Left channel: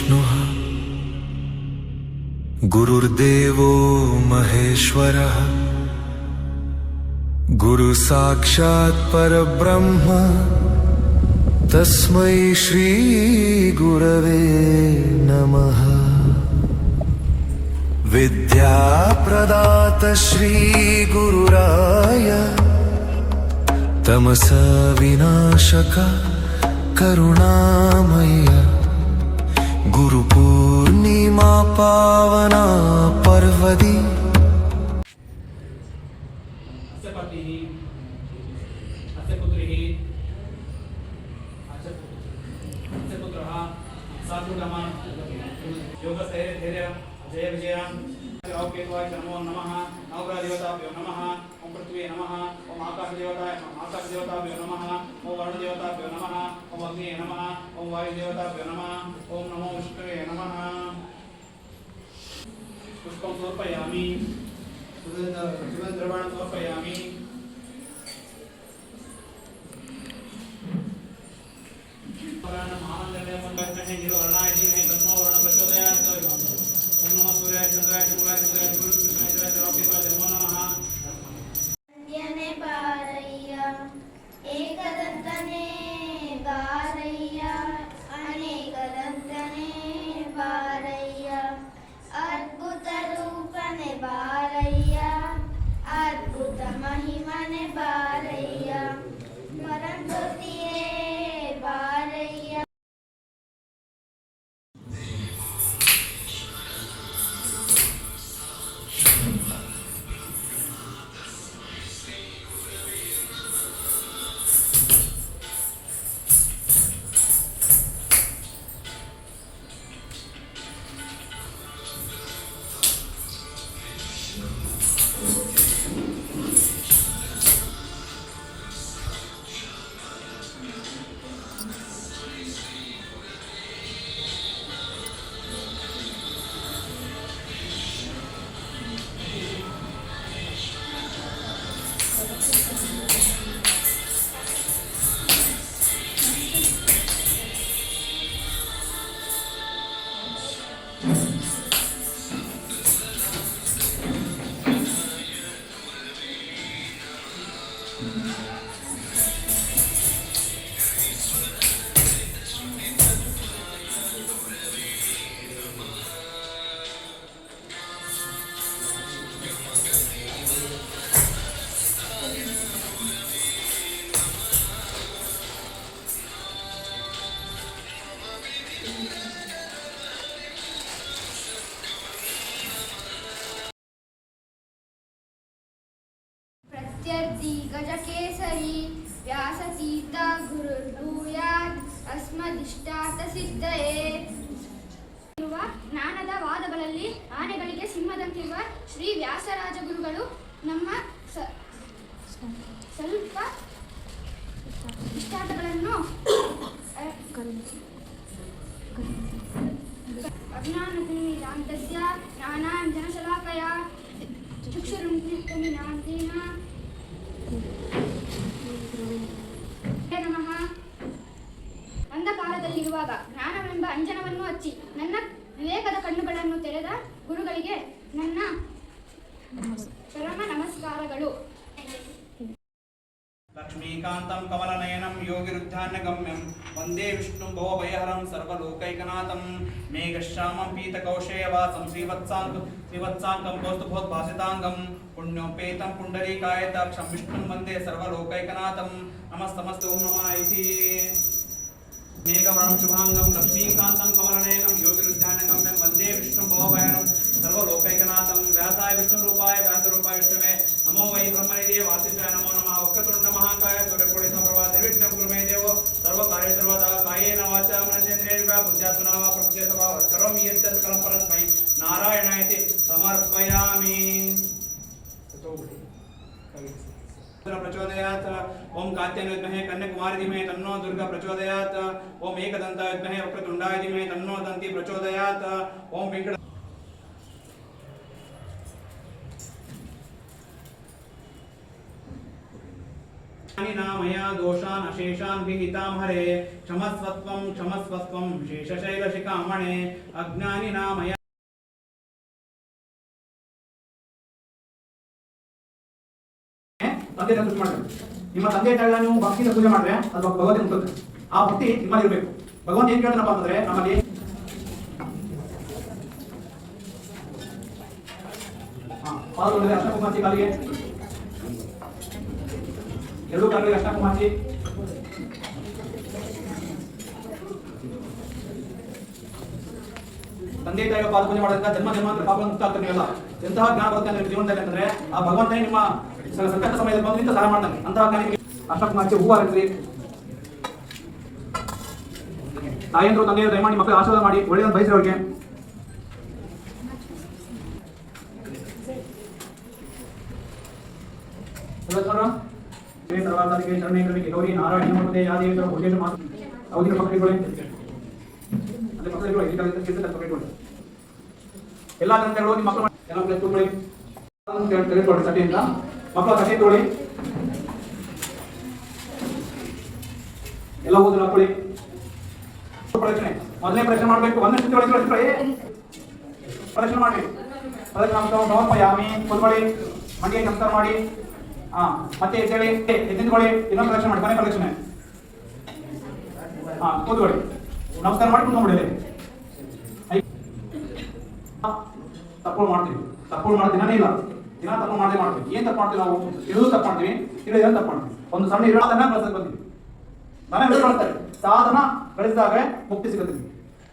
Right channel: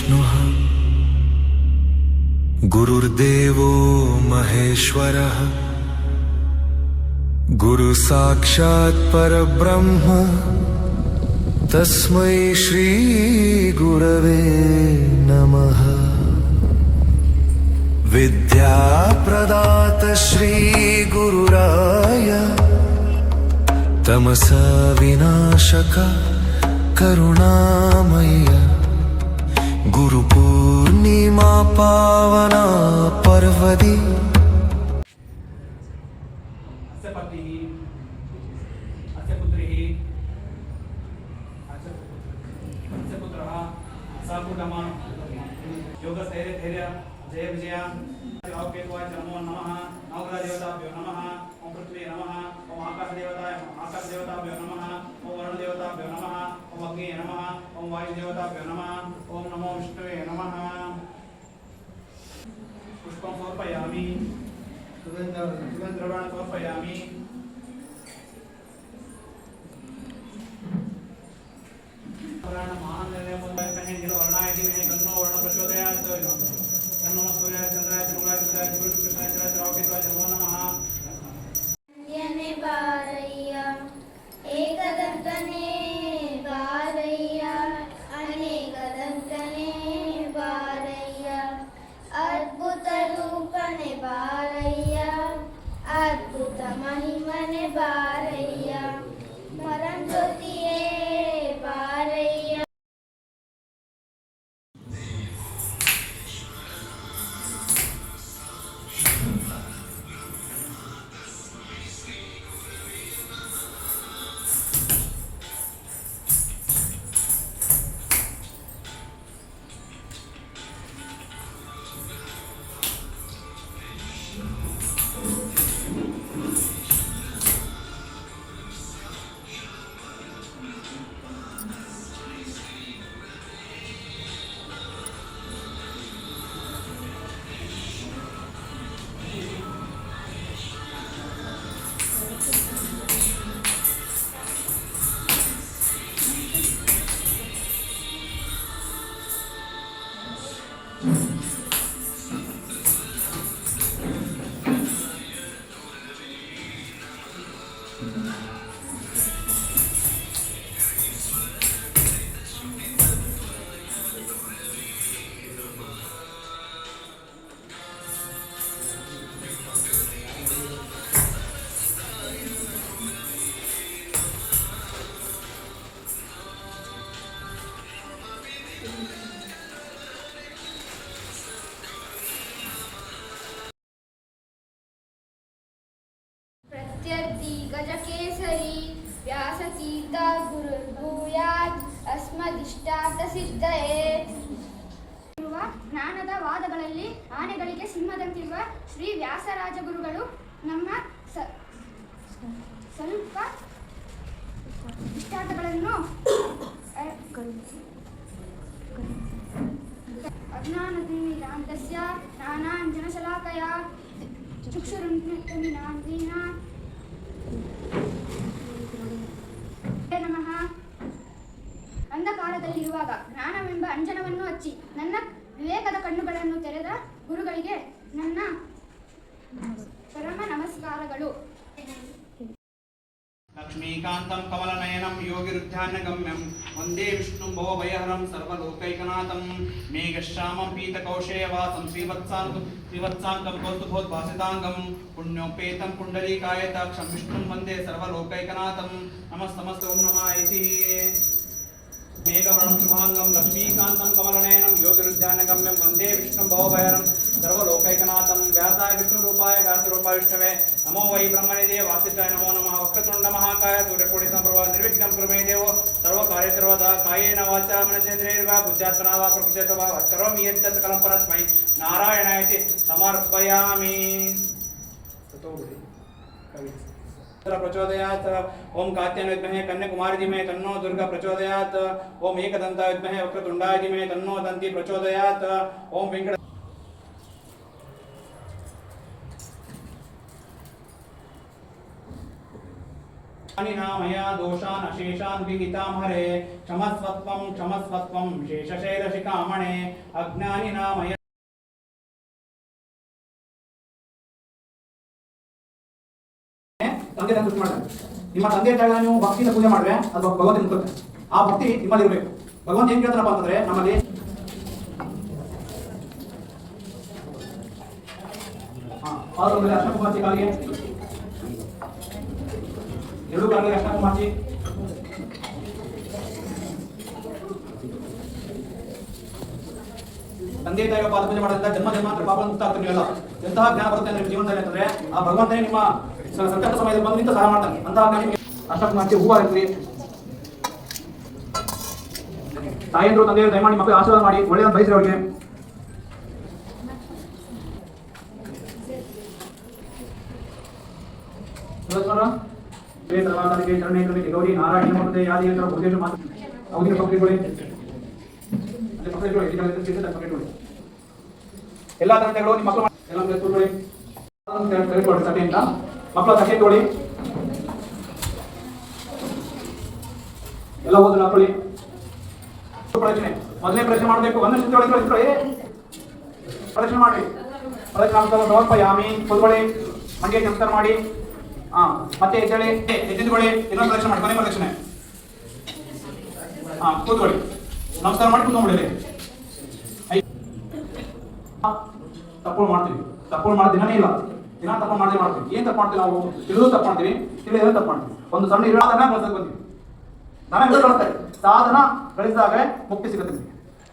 विष्णुः गुरुर्देवो महेश्वरः गुरु साक्षात् परब्रह्म तस्मै श्री गुरवे नमः। विद्या प्रदात श्री गुरुराय तमस विनाशक करुणामय गुरु पूर्णिमा पावना पर्वदि जय विजय नमो नमः नवग्रह देवताभ्यो नमः ओम पृथ्वी नमः ओम आकाश देवताभ्यो नमः ओम वरुण देवताभ्यो नमः ओम अग्नि नमः ओम वायु देवताभ्यो नमः ओम नमो विष्णुवे नमः। पुष्पं समर्पयामि सुगन्धद्रव्याणि समर्पयामि। अद्भुत महिमने बारैया मरण ज्योतिये बारैया। प्रत्यर्थी गजकेसरी व्यासतीर्थ गुरुर्भूयात् अस्मदिष्टाರ್ಥसिद्धये। ಜ್ಞಾನದ ವಾದಗಳಲ್ಲಿ ಆನೆಗಳಿಗೆ ಸಿಂಹದಂತಿರುವ ಶ್ರೀ ವ್ಯಾಸರಾಜ ಗುರುಗಳು ನಮ್ಮ ಸ್ವಲ್ಪ ಇಷ್ಟಾರ್ಥಗಳನ್ನು ಅಜ್ಞಾನತಿಮಿರಾಂತಸ್ಯ ಜ್ಞಾನಾಂಜನಶಲಾಕಯ ಚಕ್ಷುರುನ್ಮಿಲಿತಮಿನಾಂತೇನ ನಮಃ. ಅಂಧಕಾರದಲ್ಲಿರುವಾಗ ಜ್ಞಾನವೆಂಬ ಅಂಜನವನ್ನು ಹಚ್ಚಿ ನನ್ನ ವಿವೇಕದ ಕಣ್ಣುಗಳನ್ನು ತೆರೆದ ಗುರುಗಳಿಗೆ ನನ್ನ ಪರಮ ನಮಸ್ಕಾರಗಳು. लक्ष्मीकान्तं कमलनयनं योगिरुद्धान्यगम्यं वन्दे विष्णुं भवभयहरं सर्वलोकैकनाथं मेघश्यामं पीतकौशेयवासं श्रीवत्साङ्कं कौस्तुभोद्भासिताङ्गं पुण्योपेतं पुण्डरीकायताक्षं विष्णुं वन्दे सर्वलोकैकनाथं नमस्तमस्तु ओं नमः इति। मेघवर्णं शुभाङ्गं लक्ष्मीकान्तं कमलनयनं योगिरुद्धान्यगम्यं वन्दे विष्णुं भवभयहरं सर्वलोकैकनाथं व्यासाय विष्णुरूपाय व्यासरूपाय विष्णवे नमो वै ब्रह्मनिधे वासिष्ठाय नमो नमः। वक्रतुण्ड महाकाय सूर्यकोटिसमप्रभा निर्विघ्नं कुरु मे देव सर्वकार्ये सर्वदा कायेन वाचा मनसेन्द्रियैर्वा बुद्ध्यात्मना वा प्रकृते वा करोमि यत् सकलं परस्मै नारायणायति समर्पयामि। प्रचोदयात् ओम कात्यायनाय विद्महे कन्याकुमारी धीमहि तन्नो दुर्गा प्रचोदयात् ओम एकदन्ताय विद्महे वक्रतुण्डाय धीमहि तन्नो दन्ती प्रचोदयात् ओम वेंकट मया दोषान् अशेषान् विहितां हरे क्षमस्वत्वं शेषशैलशिखामणे अज्ञानिना मया ತಂದೆ ಪೂಜೆ ಮಾಡ್ರಿ. ನಿಮ್ಮ ತಂದೆ ತಾಯಿಗಳ ನೀವು ಭಕ್ತಿಯಿಂದ ಪೂಜೆ ಮಾಡಿದ್ರೆ ಅದು ಭಗವಂತನ ಮುಖಕ್ಕೆ ಆ ಭಕ್ತಿ ನಿಮ್ಮಲ್ಲಿ ಇರಬೇಕು. ಭಗವಂತ ಏನ್ ಕೇಳ್ತಾರಪ್ಪ ಅಂತಂದ್ರೆ ನಮ್ಮಲ್ಲಿ ಪಾದದಲ್ಲಿ ಅಷ್ಟಕುಮಾಚಿ ಕಾಲಿಗೆ ಎರಡು ಕಾಲಿಗೆ ಅಷ್ಟಕುಮಾಚಿ ತಂದೆ ತಾಯಿಗಳ ಪಾದ ಪೂಜೆ ಮಾಡೋದ್ರಿಂದ ಜನ್ಮ ಜನ್ಮಾಂತರ ಪಾಪಗಳನ್ನು ಮುಕ್ತ ಆಗ್ತಾರೆ. ನೀವೆಲ್ಲ ಎಂತಹ ಜ್ಞಾನ ಬರುತ್ತೆ ಅಂದ್ರೆ ಜೀವನದಲ್ಲಿ ಅಂತಂದ್ರೆ ಆ ಭಗವಂತನೇ ನಿಮ್ಮ ಸಂಕಟ ಸಮಯದಲ್ಲಿ ಬಂದು ನಿಂತು ಸಹಾಯ ಮಾಡ್ತಾನೆ. ಅಂತಹ ಜ್ಞಾನಿಗೆ ಅಷ್ಟಕುಮಾಚಿ ಹೂವು ಹಾಕಿದ್ರಿ. ತಾಯಿಯಂದ್ರು ತಂದೆಯರು ದಯಮಾಡಿ ಮಕ್ಕಳು ಆಶೀರ್ವಾದ ಮಾಡಿ ಒಳ್ಳೆಯದನ್ನು ಬಯಸಿ ಅವ್ರಿಗೆ. ಗೌರಿ ನಾರಾಯಣ ಮತ್ತೆ ಯಾದೇವರ ಭುಜೇಶ ಮಾತು ಅವಧಿಗೆ ಪಕಡಿಕೊಳ್ಳಿ. ಅಲ್ಲಿ ಪಕಡಿಕೊಳ್ಳಿ. ಎಲ್ಲ ತಂದೆಗಳು ನಿಮ್ಮ ಮಕ್ಕಳು ಎಲ್ಲ ತೆಗೆದುಕೊಳ್ಳಿ. ತೆಗೆದುಕೊಳ್ಳಿ ತಟ್ಟೆಯಿಂದ ಮಕ್ಕಳು ತಟ್ಟೆ ತಗೊಳ್ಳಿ. ಎಲ್ಲ ಓದನ್ನು ಹಾಕೊಳ್ಳಿ. ಪ್ರದಕ್ಷಿಣೆ ಮೊದಲೇ ಪ್ರದಕ್ಷಿಣೆ ಮಾಡಬೇಕು. ಒಂದಷ್ಟು ಪ್ರದಕ್ಷಿಣೆ ಮಾಡಿ ಸಮರ್ಪಯಾಮಿ ಕೂತ್ಕೊಳ್ಳಿ. ಮಂಡಿಗೆ ನಮಸ್ಕಾರ ಮಾಡಿ. ಮತ್ತೆ ಎದ್ದೇಳಿ ಎದ್ದಿದ್ಕೊಳ್ಳಿ. ಇನ್ನೊಂದು ಪ್ರದಕ್ಷಿಣೆ ಮಾಡಿ. ಕೊನೆ ಪ್ರದಕ್ಷಿಣೆ. ಕೂತ್ಕೊಳ್ಳಿ. ನಮಸ್ಕಾರ ಮಾಡಿ ಕೂತ್ಕೊಂಡ್ಬಿಡಿ. ತಪ್ಪು ಮಾಡ್ತೀವಿ. ತಪ್ಪು ಮಾಡೋ ದಿನನೇ ಇಲ್ಲ. ದಿನ ತಪ್ಪು ಮಾಡದೆ ಮಾಡ್ತೀವಿ. ಏನ್ ತಪ್ಪು ಮಾಡ್ತೀವಿ ನಾವು? ಇಳಿದು ತಪ್ಪು ಮಾಡ್ತೀವಿ, ತಿಳಿಯೋದು ತಪ್ಪು ಮಾಡ್ತೀವಿ. ಒಂದು ಸಣ್ಣ ಇರೋದನ್ನ ಕಳ್ಸಕ್ ಬಂದ್ವಿ. ನಾನೇ ಕಳಿಸ್ತಾರೆ. ಸಾಧನ ಗಳಿಸಿದಾಗ ಮುಕ್ತಿ ಸಿಗುತ್ತೆ.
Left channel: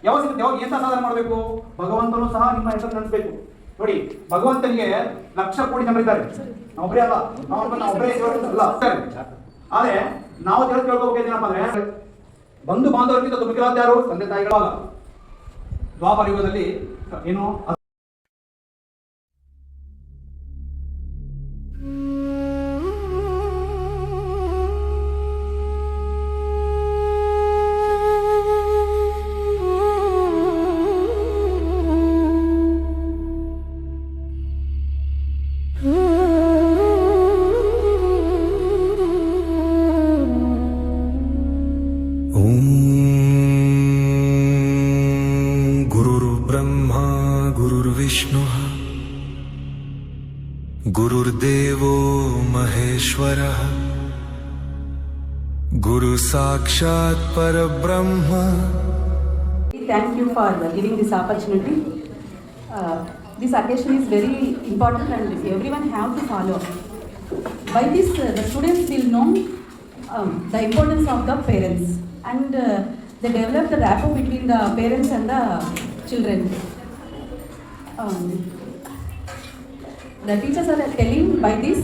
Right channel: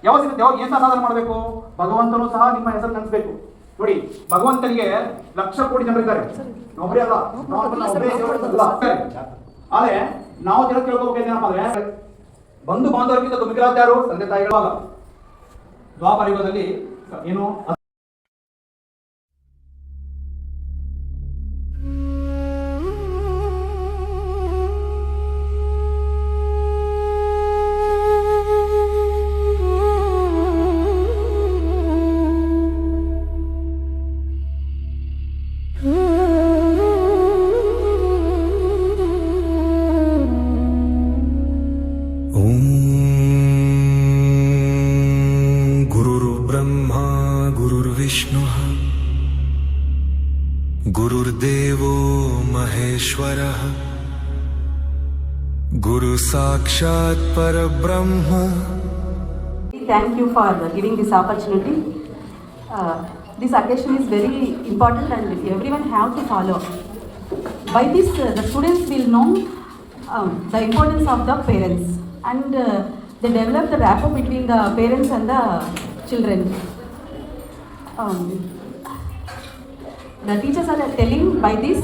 ಯಾವಾಗ ಸಿಗುತ್ತೆ? ಯಾವಾಗ ಏನ್ ಸಾಧನೆ ಮಾಡಬೇಕು? ಭಗವಂತನು ಸಹ ನಿಮ್ಮ ಹೆಸರು ನೆನೆಸಬೇಕು. ನೋಡಿ, ಭಗವಂತನಿಗೆ ಲಕ್ಷ ಕೋಟಿ ಜನರಿದ್ದಾರೆ. ಒಬ್ಬರೇ ಅಲ್ಲ. ಆದ್ರೆ ನಾವು ತಿಳ್ಕೊಳ್ಬೇಕು ಏನಪ್ಪ ಅಂದ್ರೆ ಬಂಧು ಬಾಂಧವರಿಗಿಂತ ಮಿಗಿಲಾದ ಯಾರು? ತಂದೆ ತಾಯಿಗಳಾಗ. ದ್ವಾಪರ ಯುಗದಲ್ಲಿ ಏನು गुरुर्विष्णुः गुरुर्देवो महेश्वरः गुरुसाक्षात् परब्रह्म. Thank you for giving this opportunity. This occasion is very important and everyone have to follow. By this, the students will know the importance of the parents and they develop the rapport between the parents and the children. The teachers are telling by this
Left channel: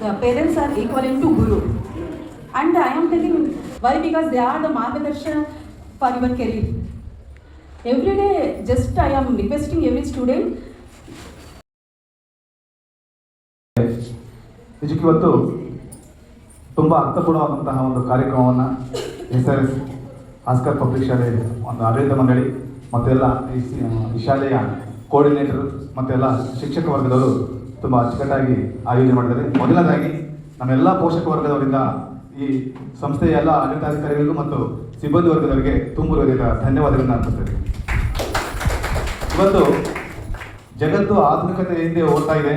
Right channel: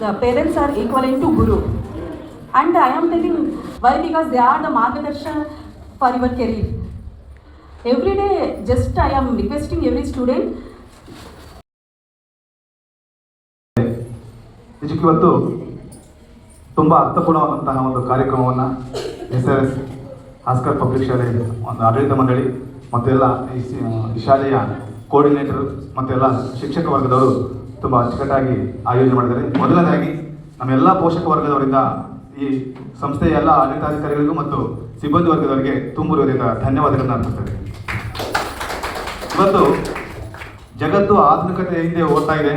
the parents are equivalent to guru, and I am telling why, because they are the margadarshan for your career. Every day just I am requesting every student. ಇವತ್ತು ತುಂಬ ಅರ್ಥಪೂರ್ಣವಾದಂತಹ ಒಂದು ಕಾರ್ಯಕ್ರಮವನ್ನು SRS Oscar public ಶಾಲೆ ಒಂದು ಆಡಳಿತ ಮಂಡಳಿ ಮತ್ತೆಲ್ಲ ಈ ಶಾಲೆಯ ಕೋಆರ್ಡಿನೇಟರ್ ಮತ್ತೆಲ್ಲ ಶಿಕ್ಷಕ ವರ್ಗದವರು ತುಂಬ ಅಚ್ಚುಕಟ್ಟಾಗಿ ಆಯೋಜನೆ ಮಾಡಿದ್ದಾರೆ. ಮೊದಲನೇದಾಗಿ ನಮ್ಮೆಲ್ಲ ಪೋಷಕ ವರ್ಗದವರಿಂದ ಈ ಸಂಸ್ಥೆಯ ಎಲ್ಲ ಆಡಳಿತಾಧಿಕಾರಿಗಳಿಗೂ ಮತ್ತು ಸಿಬ್ಬಂದಿ ವರ್ಗದವರಿಗೆ ತುಂಬ ಹೃದಯದ ಧನ್ಯವಾದಗಳನ್ನು ಅರ್ಪಿಸ್ತೇನೆ. ಇವತ್ತು ಜಗತ್ತು ಆಧುನಿಕತೆ ಹಿಂದೆ ಓಡ್ತಾ ಇದೆ.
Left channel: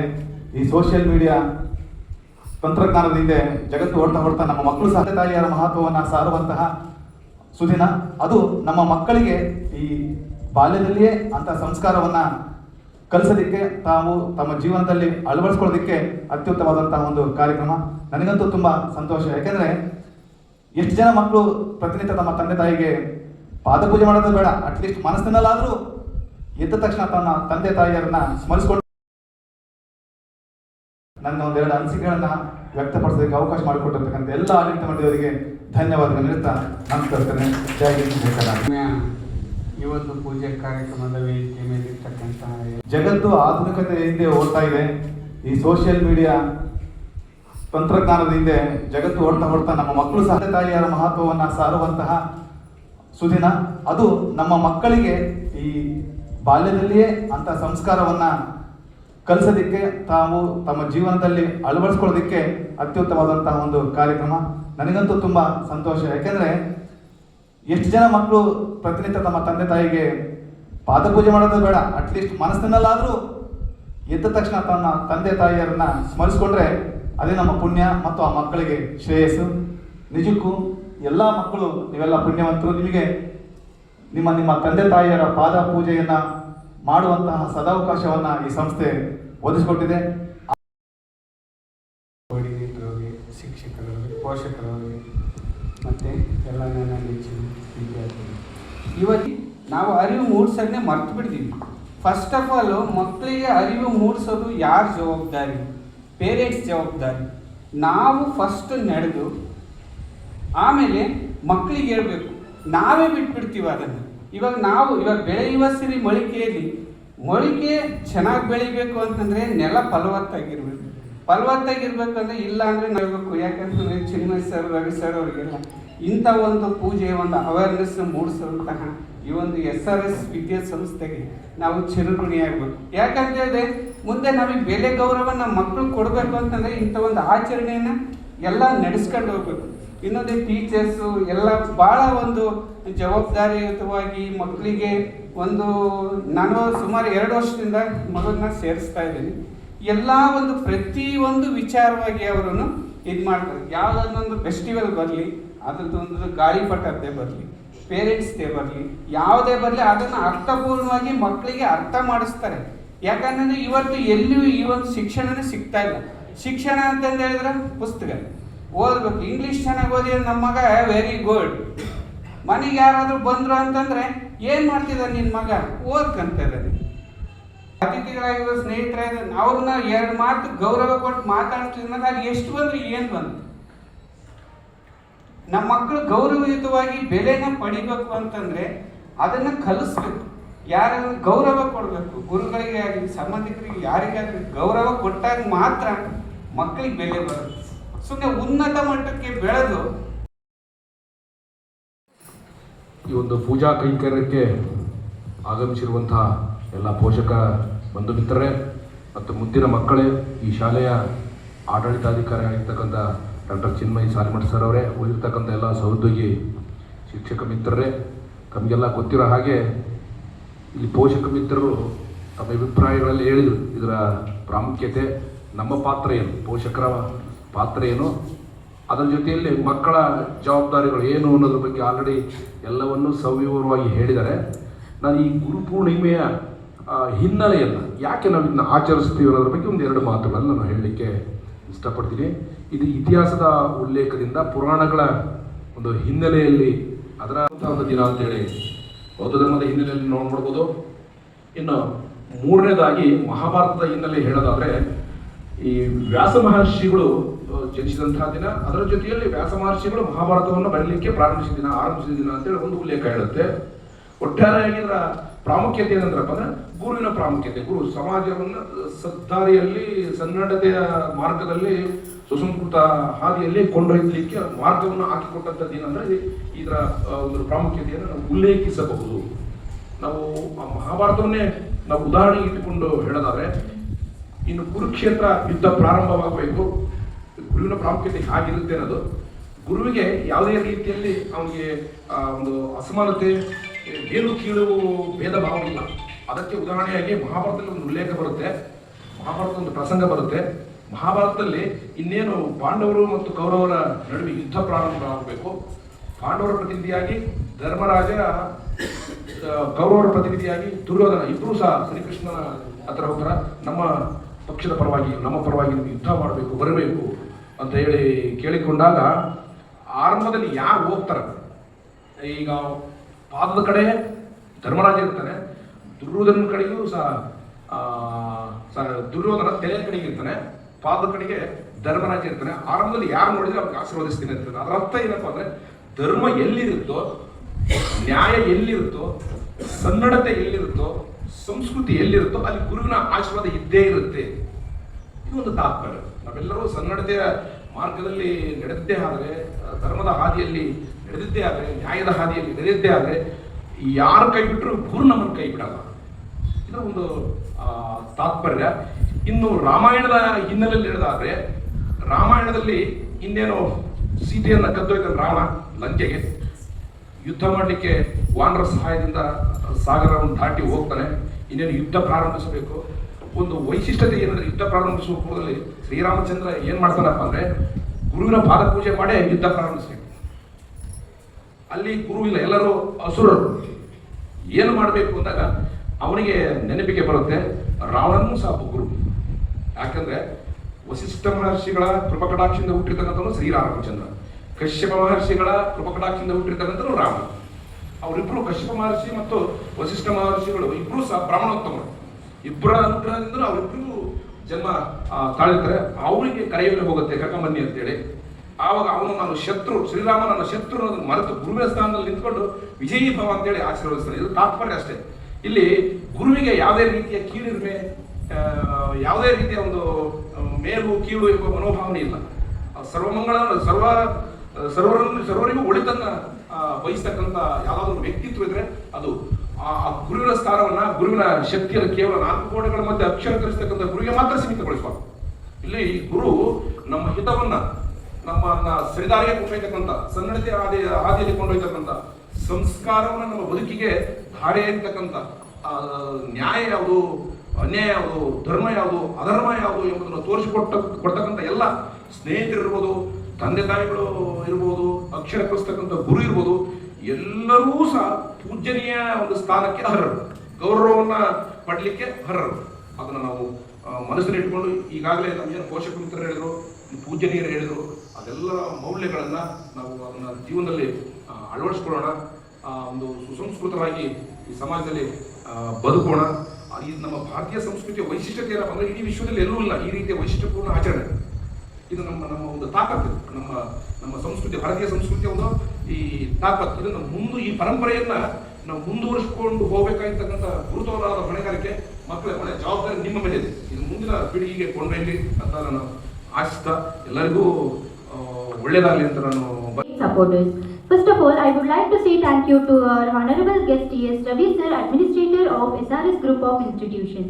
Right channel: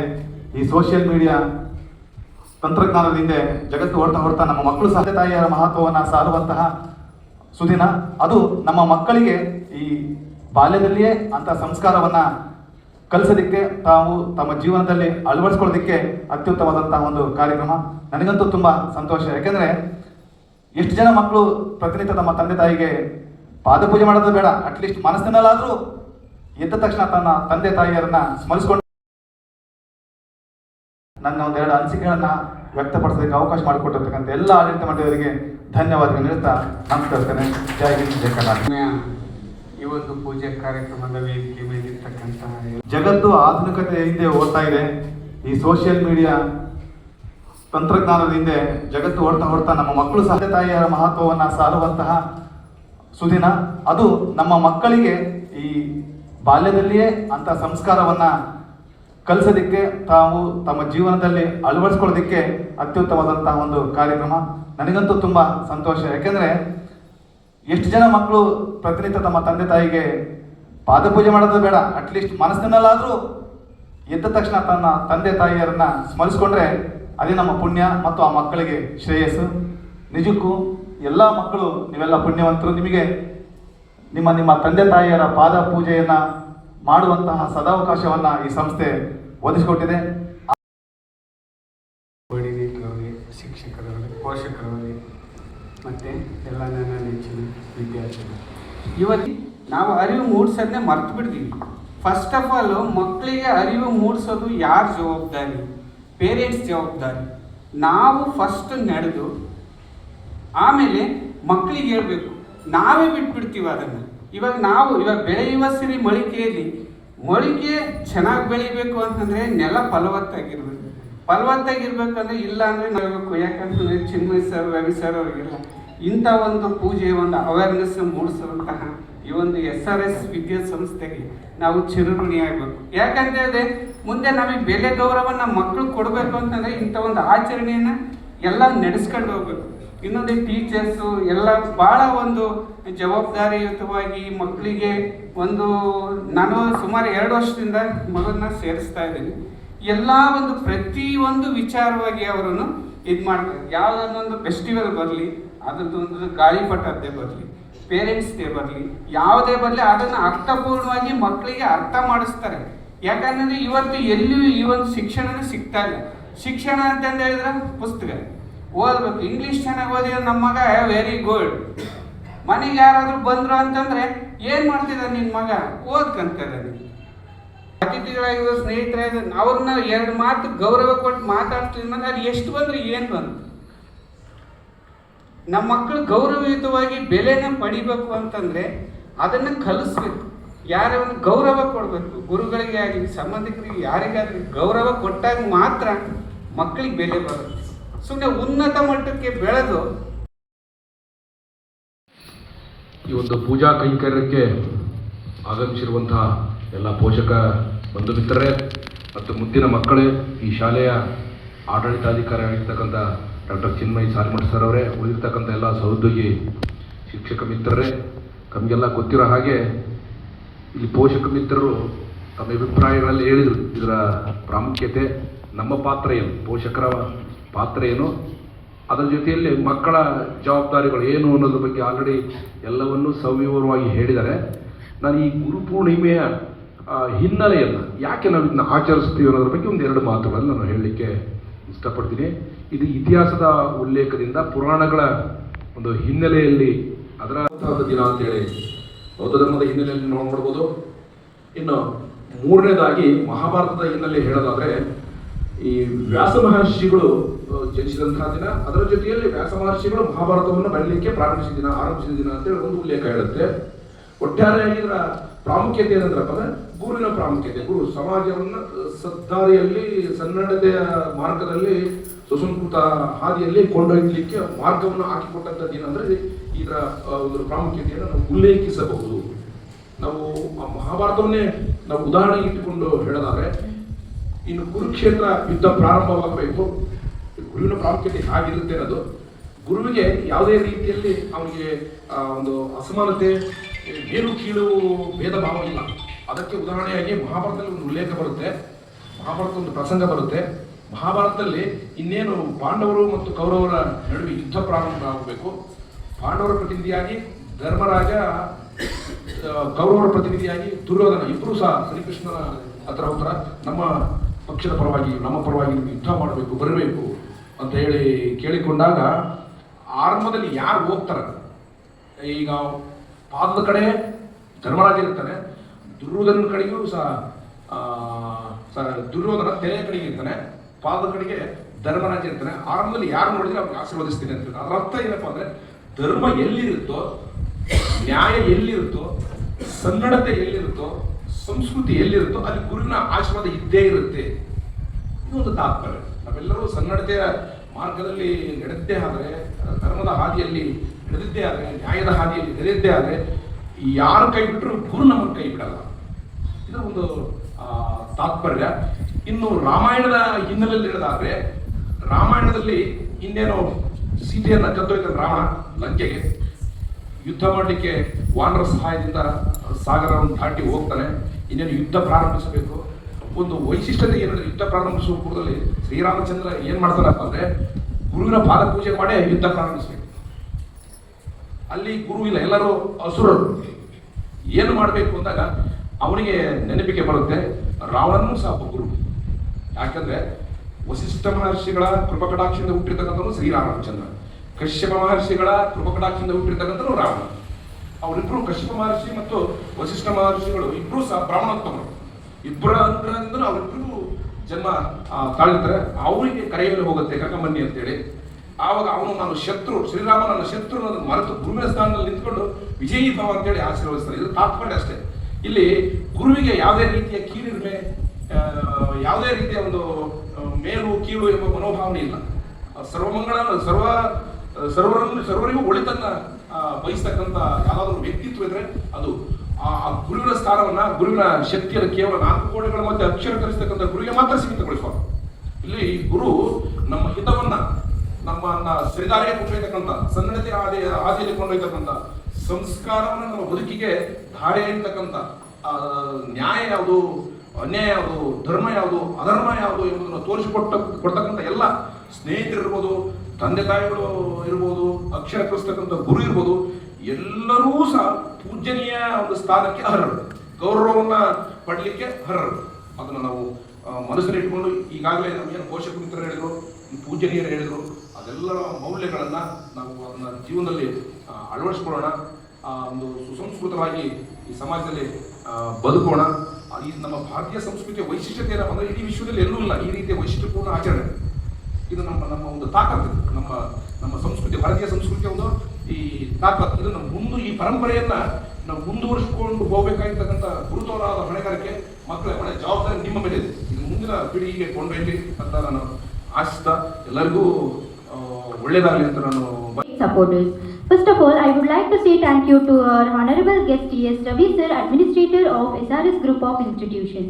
ಈ ಸೋಷಿಯಲ್ ಮೀಡಿಯಾ ತಂತ್ರಜ್ಞಾನದ ಹಿಂದೆ ಜಗತ್ತು ಓಡ್ತಾ ನಮ್ಮ ಮಕ್ಕಳು ತಂದೆ ತಾಯಿಯ ಮಹತ್ವವನ್ನು ಸಾರುವಂತಹ ಸುದಿನ. ಅದು ನಮ್ಮ ಮಕ್ಕಳಿಗೆ ಈ ಬಾಲ್ಯದಲ್ಲಿಯೇ ಅಂತ ಸಂಸ್ಕಾರವನ್ನ ಕಲಿಸೋದಕ್ಕೆ ತಾವು ತಮ್ಮ ಜೀವನದಲ್ಲಿ ಅಳವಡಿಸ್ಕೊಳ್ಳೋದಕ್ಕೆ ಅತ್ಯುತ್ತಮವಾದಂತಹ ಒಂದು ಕಾರ್ಯಕ್ರಮ. ನನಗಂತೂ ತುಂಬಾ ಸಂತೋಷ. ಯಾಕೆಂದ್ರೆ ಎಷ್ಟು ಜನ ಮಕ್ಕಳು ಪ್ರತಿನಿತ್ಯ ತಮ್ಮ ತಂದೆ ತಾಯಿಗೆ ಪಾದ ಪೂಜೆ ಮಾಡೋದು ಬೇಡ, ಅಟ್ಲೀಸ್ಟ್ ಮನಸ್ಸಿನಲ್ಲಾದ್ರೂ ಎದ್ದ ತಕ್ಷಣ ತನ್ನ ತಂದೆ ತಾಯಿಯರನ್ನ ಸ್ಮರಿಸಿಕೊಂಡು ನನ್ನ ಒಂದೆರಡು ಅನಿಸಿಕೆಗಳನ್ನ ವ್ಯಕ್ತಪಡಿಸೋದಕ್ಕೆ ಅವಕಾಶ ಮಾಡಿಕೊಟ್ಟಿರ್ತಕ್ಕಂಥ ಎಲ್ಲ ಆಡಳಿತ ಮಂಡಳಿಯವರಿಗೆ ಧನ್ಯವಾದಗಳು ನೀಡುತ್ತಾ ನಮಸ್ಕರಿಸ್ತೇನೆ. ಜೈ ಹಿಂದ್, ಜೈ ಕರ್ನಾಟಕ. ಈ ಒಂದು ಪೂಜೆ ಕಾರ್ಯಕ್ರಮದ ವೇದಿಕೆ ಮೇಲಿರ್ತಕ್ಕಂಥ ಜಗತ್ತು ಆಧುನಿಕತೆ ಹಿಂದೆ ಓಡ್ತಾ ಇದೆ. ಈ ಸೋಷಿಯಲ್ ಮೀಡಿಯಾ ತಂತ್ರಜ್ಞಾನದ ಹಿಂದೆ ಜಗತ್ತು ಓಡ್ತಾ ನಮ್ಮ ಮಕ್ಕಳು ತಂದೆ ತಾಯಿಯ ಮಹತ್ವವನ್ನು ಸಾರುವಂತಹ ಸುದಿನ. ಅದು ನಮ್ಮ ಮಕ್ಕಳಿಗೆ ಈ ಬಾಲ್ಯದಲ್ಲಿಯೇ ಅಂತ ಸಂಸ್ಕಾರವನ್ನ ಕಲಿಸೋದಕ್ಕೆ, ತಾವು ತಮ್ಮ ಜೀವನದಲ್ಲಿ ಅಳವಡಿಸ್ಕೊಳ್ಳೋದಕ್ಕೆ ಅತ್ಯುತ್ತಮವಾದಂತಹ ಒಂದು ಕಾರ್ಯಕ್ರಮ. ನನಗಂತೂ ತುಂಬ ಸಂತೋಷ. ಯಾಕೆಂದರೆ ಎಷ್ಟು ಜನ ಮಕ್ಕಳು ಪ್ರತಿನಿತ್ಯ ತಮ್ಮ ತಂದೆ ತಾಯಿಗೆ ಪಾದಪೂಜೆ ಮಾಡೋದು ಬೇಡ, ಅಟ್ಲೀಸ್ಟ್ ಮನಸ್ಸಿನಲ್ಲಾದರೂ ಎದ್ದ ತಕ್ಷಣ ತನ್ನ ತಂದೆ ತಾಯಿಯರನ್ನ ಸ್ಮರಿಸ್ಕೊಂಡ್ರೆ ಅದೇ ನಮ್ಮ ಪುಣ್ಯ ಮತ್ತು ಆ ಮಕ್ಕಳಿಗೆ ಶ್ರೇಯಸ್ಸು. ನಿಜಕ್ಕೂ ಎಲ್ಲ ಮಕ್ಕಳು ನೀವೆಲ್ಲ ಪುಣ್ಯವಂತರು. ನಿಮಗೆ ನಿಮ್ಮ ತಂದೆ ತಾಯಿಯರ ಪಾದ ಪೂಜೆಯನ್ನ ಮಾಡುವಂತಹ ಸದಾವಕಾಶವನ್ನ ಈ ಸಂಸ್ಥೆ ಒದಗಿಸಿಕೊಟ್ಟಿದೆ. ವೈದಿಕರಿಗೆ, ಶಿಕ್ಷಕರಿಗೆ, ಪೋಷಕರಿಗೆ ಮತ್ತು ಎಲ್ಲ ನನ್ನ ನೆಚ್ಚಿನ ವಿದ್ಯಾರ್ಥಿಗಳು, ಇವತ್ತು ನಾವು ಅರಿವು ಮೂಡಿಸೋದನ್ನೇ ಮರ್ತು ಬಿಡ್ತೀವಿ. ಫಸ್ಟ್ ಆಫ್ ಆಲ್ ಮಕ್ಕಳಿಗೆ ಅರಿವು ಮೂಡಿಸೋದು ಯಾರ ಜವಾಬ್ದಾರಿ? ಪೇರೆಂಟ್ಸ್ ಜವಾಬ್ದಾರಿ. ನಾವು ಫಸ್ಟ್ ನಡೆದು ಆಮೇಲೆ ಮಕ್ಕಳಿಗೆ ಹೇಳ್ಬೇಕು. ನಾವೇ ಬಿಟ್ಬಿಡ್ತೀವಿ ಅದನ್ನು. ಇವಾಗ ಬೆಳೆಯುವ ಸಿರಿ ಮೊಳಕೆ ಚೆನ್ನಾಗಿ ಬೆಳಿಬೇಕು ಅಂತಂದ್ರೆ ನೆಲ ಫಲವತ್ತಾಗಿರ್ಬೇಕಂದ್ರೆ ಇಲ್ಲ ಅಂದ್ರೆ ನಾವು ಯಾಕಂತಂದ್ರೆ ಚಿನ್ಮಯ್ ಸರ್, ರವಿ ಸರ್ ಅವರಿಗೆಲ್ಲ ಇಂಥ ಒಂದು ಪೂಜೆ, ಒಂದು ಅವೇರ್ನೆಸ್ ಮೂಡಿಸುವಂತಹ ಈ ಒಂದು SRS ವಿದ್ಯಾಸಂಸ್ಥೆಗೆ ನಾವು ಚಿರಋಣಿಯಾಗಬೇಕು. ಯಾಕಂತ ಹೇಳಿದ್ರೆ ಮುಂದೆ ನಮಗೆ ಬೆಲೆ ಗೌರವ ನಮ್ಮ ಮಕ್ಕಳು ಕೊಡಬೇಕು ಅಂತಂದ್ರೆ ಇಂಥ ಒಂದು ಆಚರಣೆಯನ್ನ ಎಲ್ಲ ನಡೆಸ್ಕೊಂಡು ಹೋಗ್ಬೇಕು. ಇನ್ನೊಂದು ಟೀಚರ್ಸು ಎಲ್ಲ ಬಹಳ ಒಂದು ಜವಾಬ್ದಾರಿಯುತವಾಗಿ ಮಕ್ಕಳಿಗೆ ನಾನು ಸುಮಾರು 2 ವರ್ಷದಿಂದ ಮಗನ್ನ ಸೇರಿಸ್ತಾ ಇದ್ದೀನಿ. ಎಲ್ಲ ಪ್ರತಿಯೊಂದು ವಿಚಾರವಾಗಿ ಅವರನ್ನು ಇದು ಮಾಡ್ತಾರೆ. ಯಾವುದೊಂದು ಫೆಸ್ಟಿವಲ್ ಬರಲಿ, ಅದರದ್ದೊಂದು ಗಾಳಿಪಟದ್ದೇ ಬರಲಿ, ಪೇರೆಂಟ್ಸ್ ಡೇ ಬರಲಿ, ಯಾವುದೇ ಬರಲಿ, ಅದನ್ನು ಅರ್ಥಪೂರ್ಣವಾಗಿ ಮಕ್ಕಳಿಗೆ ಅರ್ಥ ಮಾಡಿಸ್ತಾರೆ. ಯಾಕಂದ್ರೆ ಇವತ್ತು ಎಲ್ಲಿಯೂ ಈ ಒಂದು ಶಿಕ್ಷಣನೇ ಸಿಗ್ತಾ ಇಲ್ಲ. ಶಿಕ್ಷಣ ಅಂತಂದು ಹೇಳಿದ್ರೆ ಪುಸ್ತಕ ಓದ್ಬೇಕು. ಇಂಗ್ಲಿಷ್ ಚೆನ್ನಾಗಿ ಓದಿದ್ರೆ ನಮ್ಮ ಮಗ ವೆರಿ ಗುಡ್. ಮನೆಗೆ ಯಾರಾದ್ರೂ ಬಂದ್ರು ಅಂತಂದ್ರೆ ಏನ್ ಮಾಡ್ತಿದ್ದಾನೆ ನಿನ್ ಮಗ? ಓದ್ಕಂತಾರೆ. ಅತಿಥಿಗಳಾಗಿರೋ ಸ್ನೇಹಿತರಾಗ ಅವ್ರನ್ನ 2 ಮಾತು ಗೌರವ ಕೊಟ್ಟು ಮಾತಾಡ್ತಿದ್ಮೇಲೆ ಅಲ್ಲಿ ಎಷ್ಟು ಬಂದ್ರೆ ಏನ್ ಬಂತು? ನಮ್ಮ ಮಕ್ಕಳು ಗೌರವಯುತವಾಗಿ ಬೆಲೆನ ಪಡಿಬೇಕು ಅಂತಂದ್ರೆ ಅದನ್ನ ಕಲಿಸ್ಬೇಕು. ಯಾರನ್ನು ಗೌರವ ಕೊಡಬೇಕು, ಗುರುಗಳಿಗೆ ಆಗಲಿ, ಸಂಬಂಧಿಕರಿಗೆ, ಯಾರಿಗಾಗಲಿ ಗೌರವ ಕೊಟ್ಟಾಗ ಮಾತ್ರ ಮಕ್ಕಳಿಗೆ ಬೆಲೆ ಬರುತ್ತೆ. ಸುಮ್ಮನೆ ಉನ್ನತ ಮಟ್ಟಕ್ಕೆ ಬೆಳೆದು ಈ ಒಂದು ಪೂಜಾ ಕೈಂಕರ್ಯಕ್ಕೆ ಆಗಮಿಸಿರುವಂತಹ ಎಲ್ಲ ಪೋಷಕ ಬಂಧು ಮಿತ್ರರೇ ಮತ್ತು ಮುದ್ದಿನ ಮಕ್ಕಳೇ, ಈ ಶಾಲೆಯ ಆಡಳಿತಾಧಿಕಾರಿ ಆಗಿರ್ತಕ್ಕಂಥ ಡಾಕ್ಟರ್ ಚಿನ್ಮಯ್ ಸಾಲಿಮಠ್ ಸರ್ ಅವರೇ, ಉಳಿರ್ತಕ್ಕಂಥ ಎಲ್ಲ ಸಹೋದ್ಯೋಗಿ ಶಿಕ್ಷಕ ಮಿತ್ರರೇ, ತಮಗೆಲ್ಲ ಗೊತ್ತಿರೋ ಹಾಗೆ ಈ ಪೋಷಕ ಮಿತ್ರರು ತಮ್ಮ ಅಭಿಪ್ರಾಯಗಳಲ್ಲಿ ಹೇಳಿದರು. ಇದರ ಪ್ರಾಮುಖ್ಯತೆ, ನಮ್ಮ ಪಾತ್ರ ಏನು, ಪೋಷಕರ ಪಾತ್ರ ಏನು, ಅದರ ಜೊತೆಯಲ್ಲಿ ಮಕ್ಕಳ ಜವಾಬ್ದಾರಿಗಳು ಏನು ಅನ್ನೋದ್ರ ಬಗ್ಗೆ ಆಲ್ರೆಡಿ ಎಲ್ಲವನ್ನೂ ಸವಿವರವಾಗಿ ಹೇಳಿದ್ದಾರೆ. ನಾನು ಈ ಗುರುಪೂರ್ಣಿಮೆಯ ಹಿನ್ನೆಲೆಯನ್ನು ಯಾಕೆ ನಾವು ಇದನ್ನ ಆಚರಿಸ್ತೀವಿ ಅನ್ನೋದ್ರ ಬಗ್ಗೆ 1-2 ಮಾತುಗಳನ್ನು ನಾನು ಹೇಳಲಿಕ್ಕೆ ಇಷ್ಟಪಡ್ತೀನಿ. ಇದು ಇತಿಹಾಸದ ಉಲ್ಲೇಖದಿಂದ, ಪುರಾಣಗಳ ಒಂದು ಹಿನ್ನೆಲೆಯಲ್ಲಿ ಅದರ ಒಂದು ದಿನ ಅಂತೇಳಿ ಬೌದ್ಧ ಧರ್ಮದ ಹಿನ್ನೆಲೆಯಲ್ಲಿ ನೋಡ್ಬೋದು. ಇನ್ನು 3ನೇದಾಗಿ ಮಹಾಭಾರತದ ಹಿನ್ನೆಲೆ ಹೇಳೋದಾದರೆ, ಈ ವ್ಯಾಸ ಮಹರ್ಷಿಗಳು ಜನಿಸಿದಂತಹ ದಿನ, ಅದರ ಜೊತೆಯಲ್ಲಿ ವ್ಯಾಸ ಮಹರ್ಷಿಗಳು ಮಹಾಭಾರತವನ್ನು ಬರೀಲಿಕ್ಕೆ ಆರಂಭಿಸಿದ ದಿನ ಅಂತೇಳಿ ಒಂದು ಉಲ್ಲೇಖ ಹೇಳುತ್ತೆ. ಒಟ್ಟಾರೆಯಾಗಿ ಇದರ ಪ್ರಾಮುಖ್ಯತೆ ಏನಂದ್ರಪ್ಪ ಅಂದ್ರೆ ಗುರುವಿನ ಪ್ರಾಮುಖ್ಯತೆ. ಗುರು ಸಮಾಜವನ್ನು ಸದ್ದಾರಿಯಲ್ಲಿ, ಸನ್ನಡತೆಯ ಮಾರ್ಗದಲ್ಲಿ, ಸುಸಂಸ್ಕೃತ ಹಾದಿಯಲ್ಲಿ ಕೊಂಡೊಯ್ಯಲಿಕ್ಕೆ ಮಾರ್ಗವನ್ನು ಹಾಕಿಕೊಟ್ಟಂಥ ದಿನ ಅಂದರೆ ಇದರ ಒಂದು ಪ್ರಾಮುಖ್ಯತೆಯನ್ನು ನಾವು ಉಲ್ಲೇಖಿಸಬಹುದು. ನಾವು ಆ ಮಹಾಭಾರತವನ್ನೇ ನಾವು ಉದಾಹರಣೆಗೆ ಇಟ್ಟುಕೊಂಡು ಹೇಳೋದಾದ್ರೆ, ಇನ್ನು ಕುರುಕ್ಷೇತ್ರ ಯುದ್ಧ ಪ್ರಾರಂಭವಾಗಬೇಕು. ಗುರುವಿನ ಪ್ರಾಮುಖ್ಯತೆ ಹೇಗಿರುತ್ತೆ ಅನ್ನೋದು, ಗುರುವಿಗೆ ಯಾವುದೇ ರೀತಿಯಲ್ಲಿ ಅವನಿಗೆ ಒಂದು ಅಸಮಾನತೆ, ಮೇಲು ಕೀಳು ಭೇದ ಭಾವ ಇಲ್ಲ. ಅದಕ್ಕೆ ಉದಾಹರಣೆಯಾಗಿ ಮಹಾಭಾರತದಲ್ಲಿ ಒಂದು ಉಲ್ಲೇಖ ಬರುತ್ತೆ, ಮಹಾಭಾರತ ಒಂದು ಪ್ರಸಂಗ ಬರುತ್ತೆ. ಮಹಾಭಾರತದಲ್ಲಿ ಇನ್ನೇನು ಪಾಂಡವರು ಮತ್ತು ಕೌರವರ ನಡುವೆ ಯುದ್ಧ ಪ್ರಾರಂಭ ಆಗಬೇಕು. ಪಾಂಡವರ ಪ್ರತಿನಿಧಿಯಾಗಿ ಧರ್ಮರಾಜ, ಕೌರವರ ಪ್ರತಿನಿಧಿಯಾಗಿ ದುರ್ಯೋಧನ, ಇಬ್ಬರೂ ಸಹ ಶ್ರೀಕೃಷ್ಣನ ಹತ್ರ ಹೋಗ್ತಾರ. ನಮ್ಮ ಪಕ್ಷದ ಪರವಾಗಿ, ನಮ್ಮ ಪರವಾಗಿ ಯುದ್ಧ ಮಾಡಬೇಕು, ಬರಬೇಕು ಅಂತ ಹೇಳಿ ಕೇಳಿಕೊಂಡಾಗ ಆರಂಭದಲ್ಲಿ ಯಾರು ಹೋಗ್ತಾರ? ಈಗ ಪಾದದ ಕಡೆ ಧರ್ಮರಾಜ ಇರ್ತಾನೆ, ದುರ್ಯೋಧನ ಕಡೆಗೂ ಸಹ ದುರ್ಯೋಧನ ತೆರೆಯ ಕಡೆಗೆ ಇರ್ತಾನೆ, ಪಾದದ ಕಡೆಗೆ ಧರ್ಮರಾಜ ಇರ್ತಾನೆ. ಆರಂಭದಲ್ಲಿ ಯಾರು ನೋಡಿದ್ರೆ ಅವ್ರಿಗೆ ಆಶೀರ್ವದಿಸ್ತೀನಿ ಅಂತ. ಅದರ ಅರ್ಥ ಏನಪ್ಪ ಅಂದ್ರೆ, ಧರ್ಮ ಎಲ್ಲಿರುತ್ತೋ, ನ್ಯಾಯ ಎಲ್ಲಿರುತ್ತೋ, ಸನ್ನಡತೆ ಎಲ್ಲಿರುತ್ತೋ, ಸಂಸ್ಕೃತಿ ಎಲ್ಲಿರುತ್ತೋ ಅಲ್ಲಿ ಗುರುವಿನ ಆಶೀರ್ವಾದ ಇದ್ದೇ ಇರುತ್ತೆ. ಇದೊಂದು ತಾತ್ಪರ್ಯ. ನಾವೆಲ್ಲರೂ ಸನ್ನಡತೆಯ ಮಾರ್ಗದಲ್ಲಿ ನಡೆದಿದ್ದೇ ಆದರೆ, ಧರ್ಮದ ಹಾದಿಯಲ್ಲಿ ನಡೆದಿದ್ದೇ ಆದರೆ, ನ್ಯಾಯದ ಹಾದಿಯಲ್ಲಿ ನಡೆದಿದ್ದೇ ಆದರೆ, ಯಾರು ಕೈ ಬಿಟ್ಟರು ಗುರು ನಮ್ಮನ್ನು ಕೈ ಬಿಡಲ್ಲ. ಇದು ಒಂದು ತಾತ್ಪರ್ಯ. ಇನ್ನು ರಾಮಾಯಣದ ಹಿನ್ನೆಲೆಯಲ್ಲಿ ಹೇಳೋದಾದ್ರೆ, ರಾಮಾಯಣದಲ್ಲಿ ಇನ್ನೇನು ಸೀತೆಯನ್ನು ಕದ್ದೊಯ್ದ ರಾವಣ ಲಂಕೆಗೆ ಯುದ್ಧ ಮಾಡಲಿಕ್ಕೆ ವಾನರ ಸಹಾಯದಿಂದ ಸಾಗರವನ್ನು ದಾಟಿ ಹೋಗ್ತಾನೆ. ಇನ್ನೇನು ಯುದ್ಧ ಪ್ರಾರಂಭಿಸಬೇಕು. ಒಂದು ವೈಶಿಷ್ಟ್ಯತೆ ಏನಂದ್ರೆ, ಯುದ್ಧ ಪ್ರಾರಂಭಿಸುವ ಪೂರ್ವದಲ್ಲಿ ಶ್ರೀರಾಮಚಂದ್ರ ಏನ್ ಮಾಡ್ತಾರಪ್ಪ ಅಂದ್ರೆ, ಗುರುವಿನ ಪಾದ ಪೂಜೆ ಮಾಡೇ ಯುದ್ಧ ಪ್ರಾರಂಭಿಸಬೇಕು. ಅಲ್ಲಿ ಗುರು ಇಲ್ಲ, ಎಲ್ಲರೂ ಅಸುರರು. ಏನು ಮಾಡಬೇಕು ಅಂದಾಗ ಅವನಿಗೆ ನೆನಪಿಗೆ ಬರುತ್ತೆ ರಾವಣನೂ ಸಹ ಗುರು. ಯಾಕಂದ್ರೆ ವಸಿಷ್ಠ ಮಹರ್ಷಿಗಳ ಕೃಪಕಟಾಕ್ಷದಿಂದ ಹುಟ್ಟಿರ್ತಕ್ಕಂಥವನು ಶ್ರೀರಾಮಚಂದ್ರ, ಕಶ್ಯಪ ಮಹರ್ಷಿಗಳ ಕೃಪಕಟಾಕ್ಷದಿಂದ ಹುಟ್ಟಿರ್ತಕ್ಕಂಥವ್ರು ರಾವಣ. ಅವರಿಬ್ರು, ಕಶ್ಯಪ ಮಹರ್ಷಿ ಮತ್ತು ವಸಿಷ್ಠ ಮಹರ್ಷಿಗಳು ಇಬ್ರು ಸಹ ಬ್ರಾಹ್ಮಣೋತ್ತಮರು. ಇಬ್ಬರ ಅನುಗ್ರಹದಿಂದ ಅವರಿಬ್ರು ಜನ್ಮ ತಾಳಿರ್ತಾರೆ. ಅವರಿಗೆ ಕರೆಯಲ್ಲಿ ಹೋಗುತ್ತೆ ಕರ್ಕೊಂಬನ್ನಿ ಅಂತೇಳಿ. ಆವಾಗ ಅವನು ನಾನು ಶತ್ರು, ಶ್ರೀರಾಮ ನನ್ನ ಶತ್ರು ಅನ್ನೋದನ್ನು ಮರೆತು ಗುರುವಿನ ಸ್ಥಾನದಲ್ಲಿ ನಿಂತ್ಕೊಂಡು ವಿಜಯೀ ಭವ ಅಂತೇಳಿ ಆಶೀರ್ವದಿಸ್ತಾರೆ. ಇದು ತಾತ್ಪರ್ಯ ಅಷ್ಟೇ. ಇಲ್ಲಿ ಗುರುವಿಗೆ ಯಾವುದೇ ರೀತಿಯ ಕೀಳಿರ್ಮೆ, ಯಾವುದೇ ರೀತಿಯ ಒಂದು ಮೇಲು ಕೀಳು ಎಂಬ ಮನೋಭಾವನೆ ಇಲ್ಲ. ಸರ್ವಮಂಗಳ ಸರ್ವರಿಗೂ ಒಳಿತನ್ನ ಬಯಸ್ತಕ್ಕಂಥ ಯಾವುದಾದ್ರೂ ವ್ಯಕ್ತಿತ್ವ ಇದ್ರೆ ಅದು ಆ ಗುರುವಿನ ಸ್ಥಾನವನ್ನ, ಗುರುವಿನ ಶಕ್ತಿಯನ್ನು ಕೇವಲ 4 ಗೋಡೆಗಳ ಮಧ್ಯೆ ಅಕ್ಷರ ಕಲಿಸ್ತಕ್ಕಂಥ ಗುರುವಿಗೆ ಮಾತ್ರ ಸೀಮಿತಗೊಳಿಸಬಾರ್ದು. ಇಲ್ಲಿ ಗುರು ನಮ್ಮ ಹಿತವನ್ನ, ನಮ್ಮನ್ನ ಸರಿದಾರಿಗೆ ಕೊಂಡೊಯ್ತಕ್ಕಂಥ, ಸನ್ನಡತೆ ಹಾದಿಯಲ್ಲಿ ಕೊಂಡೊಯ್ತಕ್ಕಂಥ, ಸಂಸ್ಕಾರವನ್ನು ನಮ್ಮ ಬದುಕಿಗೆ ಧಾರೆ ಅಂತಕ್ಕಂಥ, ನ್ಯಾಯ ಯಾವುದು, ಅನ್ಯಾಯ ಯಾವುದು, ಧರ್ಮ ಯಾವುದು, ಅಧರ್ಮ ಯಾವುದು ಎಂಬುದನ್ನು ತೋರಿಸಿಕೊಡ್ತಕ್ಕಂಥ ಎಲ್ಲ ಸ್ನೇಹಿತರಿರ್ಬೋದು, ತಂದೆ ತಾಯಿಗಳು ಇರ್ಬೋದು, ಅಕ್ಷರ ಕಲಿಸ್ತಕ್ಕಂಥ ಗುರು ಇರ್ಬೋದು, ಎಲ್ಲರೂ ಸಹ ಪೂಜನೀಯ ಒಂದು ಸ್ಥಾನಕ್ಕೆ ಅರ್ಹರು, ಗೌರವವನ್ನ ಪಡಲಿಕ್ಕೆ ಅರ್ಹರು. ಅದನ್ನು ನಾವು ಮನಸ್ಸಲ್ಲಿ ಇಟ್ಕೊಂಡು, ಈಗಾಗಲೇ ನಮಗೇನು ಪೋಷಕ ಮಿತ್ರರು ಹೇಳಿದ್ರು, ಪೂಜನೀಯರು ಹೇಳಿದ್ರು, ಅದೆಲ್ಲ ಮೌಲ್ಯಗಳನ್ನ ನಾವು ಅದನ್ನ ಜೀವನದಲ್ಲಿ ಅಳವಡಿಸ್ಕೊಳ್ಳೋಣ. ಒಂದು ಸುಸಂಸ್ಕೃತವಾಗಿ ಈ ಸಮಾಜದಲ್ಲಿ ಬದುಕೋಣ. ಈ ನಮ್ಮ ಭಾರತೀಯ ಸಂಸ್ಕೃತಿಯ ವೈಶಿಷ್ಟ್ಯತೆ ಏನಪ್ಪ ಅಂದ್ರೆ, ಇಡೀ ವಿಶ್ವದಲ್ಲಿ ಎಲ್ಲೂ ಇಲ್ಲ ಈ ರೀತಿಯ ವೈಶಿಷ್ಟ್ಯಪೂರ್ಣ ಆಚರಣೆ. ಇದು ನಮ್ಮ ಒಂದು ತಾಕತ್ತು. ನಮ್ಮ ಸಂಸ್ಕೃತಿ, ಭಾರತೀಯ ಸಂಸ್ಕೃತಿಯ ಒಂದು ಈ ತಾಕತ್ತು. ಇದನ್ನು ಈ ಪರಂಪರೆಯನ್ನ ನಾವು ಮುಂದುವರಿಸಿಕೊಂಡು ಹೋಗ್ಬೇಕಾಗಿರ್ತಕ್ಕಂಥ ಗುರುತರವಾದ ಹೊಣೆಗಾರಿಕೆ, ಮಕ್ಕಳ ಹೊಣೆ, ಜವಾಬ್ದಾರಿ ನಿಮ್ಮ ಮೇಲೆ ಇದೆ. ಇದು ಮುಂದಿನ ಪೀಳಿಗೆಗೆ ಕೊಂಡೊಯ್ಯಲಿ ಅಂತ ನಾನು ಆಶಿಸ್ತಾ, ಎಲ್ಲರಿಗೂ ಒಳ್ಳೆಯದಾಗಲಿ ಅಂತ ನಾನು supporters. First of all, I would like to say thank you to our honorable guest T.S. Ravi sir, administrator of SRS Group of Institution.